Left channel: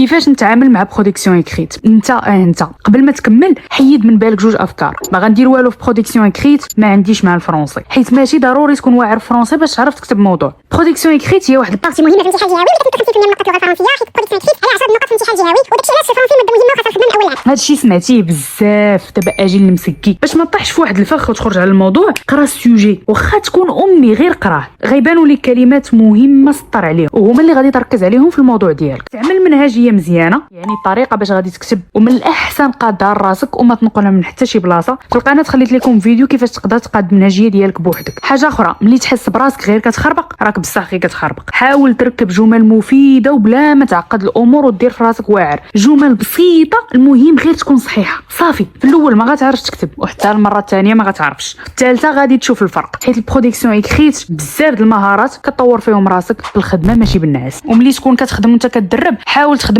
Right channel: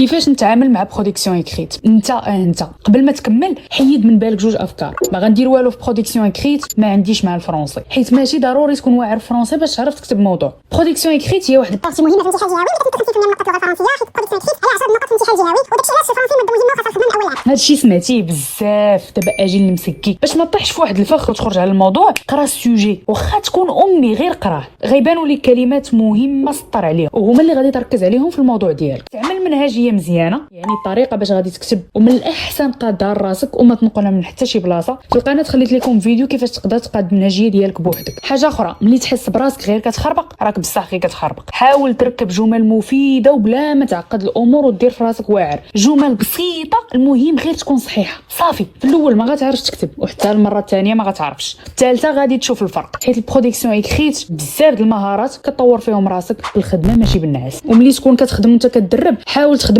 كيفاش نتعامل مع برودكسيون اكريت. انت قبل ما تكمل حيد من بالك جوج افكار. ما غندير والو في برودكسيون اكريت، ما عنديش مع الفرنسي، حيت ماشي ضروري تكون واعر فرنسي باش تعرف تكتب موضوع. برودكسيون اكريت هي واحد بارتي مهمه في الامتحان الجهوي، ولكن كتخصص من النقاط اللغه الفرنسيه حيت برودكسيون اكريت هي 10 نقاط في الامتحان الجهوي، وداكشي علاش الفرنسي ماده مهمه وخاصها تخدم من اولها. هادشي سمعتيه بزاف. دابا اجي المسكي باش ما طيحش في واحد الفخ وتخرج على الموضوع. قرا السوجي واخا تكون امي غير قراه، غيبانوا لك كلمات مهمه سطر عليهم وهما اللي غادي تركز عليهم في الموضوع ديالك. تعمل منهجيه مزيانه، يعني الطريقه باش غادي تكتب، ومن الاحسن قادها راسك وما تنقلها من حتى شي بلاصه. في القناه خليت لكم فيديو كيفاش تقدر تقاد المنهجيه ديالك بوحدك. حاجه اخرى، ملي تحس براسك غير كتخربق، راك بصح غير كتخربق. حاول تركب جمل مفيده وبلا ما تعقد الامور ودير في راسك واعر. جمل بسيطه، المهم غير تكون صحيحه صافي. في الاول ما غاتعرفش تكتب، وحتى المره الثانيه ما غاتعرفش، الثالثه غادي تشوف الفرق. حيت البرودكسيون اكريت بزاف د المهارات كطور فيهم راسك بالخدمه ماشي بالنعاس. وملي تكون كتخدم وانت كتدرب، حاول تخدم